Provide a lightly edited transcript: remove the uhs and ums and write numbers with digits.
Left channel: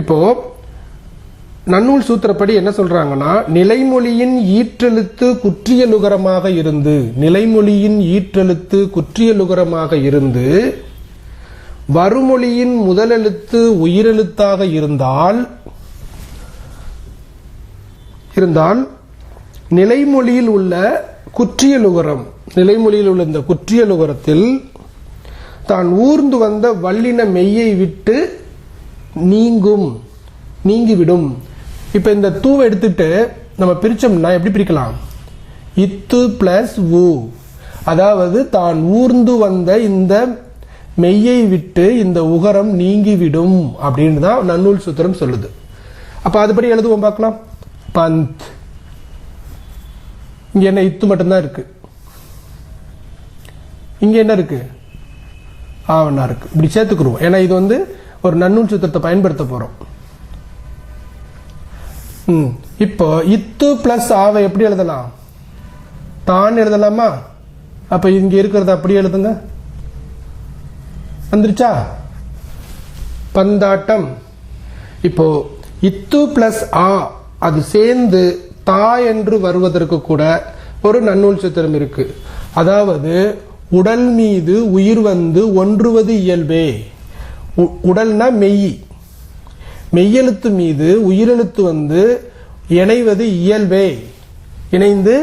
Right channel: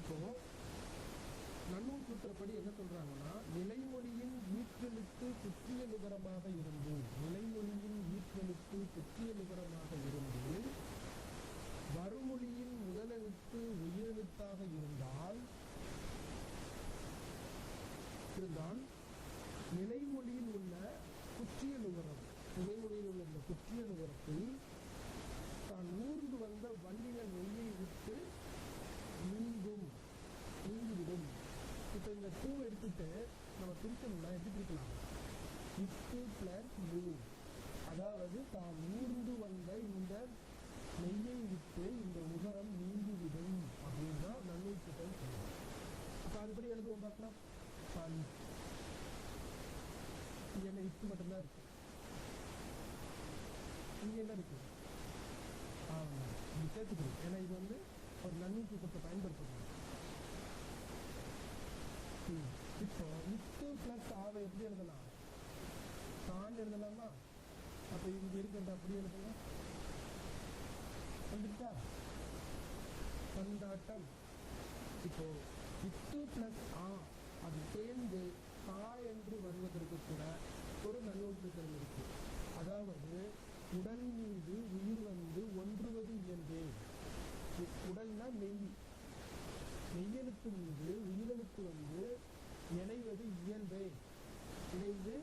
இப்போ நன்னூல் சூத்திரப்படி என்ன சொல்றாங்கன்னா, நிலைமொழியின் ஈற்றெழுத்து குற்றியலுகரமாக இருந்து, நிலைமொழியின் ஈற்றெழுத்து குற்றியலுகரமாக இருந்து வருமொழியின் முதலெழுத்து உயிரெழுத்தாக இருந்தால் நிலைமொழியில் உள்ள குற்றியலுகரம், நிலைமொழியில் உள்ள இந்த குற்றியலுகரத்தில் தான் ஊர்ந்து வந்த வல்லின மெய்யை விட்டு நீங்கிவிடும். இப்ப இந்த தூவை எடுத்துட்டு நம்ம பிரிச்சோம்னா எப்படி பிரிக்கலாம்? இத்து பிளஸ் ஊ, அதாவது தான் ஊர்ந்து வந்த இந்த மெய்யை விட்டு இந்த உகரம் நீங்கிவிடும் அப்படின்னு தான் நன்னூல் சூத்திரம் சொல்லுது. அப்ப அதுபடி எழுதுவோம் பார்க்கலாம். பந்த், இங்க என்ன இத்து மட்டும்தான் இருக்கு, இங்க என்ன இருக்கு? ஆவணா இருக்கு. இப்படி சேர்த்துக்குருவோம். ஏன்னா இது வந்து ஒரு நன்னூல் சூத்திரத்தை பயன்படுத்த போறோம். இப்போ இத்து பிளஸ் ஆவை எப்படி எழுதலாம்? தான் எழுதலாமா? அப்ப இங்க இருக்கிறத அப்படியே எழுதுங்க. வந்துருச்சா? பந்தாட்டம். இப்போ இத்து பிளஸ் ஆ அது சேர்ந்து தா என்று வருவதற்கு கூட ஒரு நன்னூல் சூத்திரம் இருக்கு. அதாவது உடல் மீது உயிர் வந்து ஒன்றுவது இயல்பே. உடல்னா மெய், மெய்யெழுத்து மீது உயிரெழுத்து வந்து இணைவது இயல்பே, இணைந்து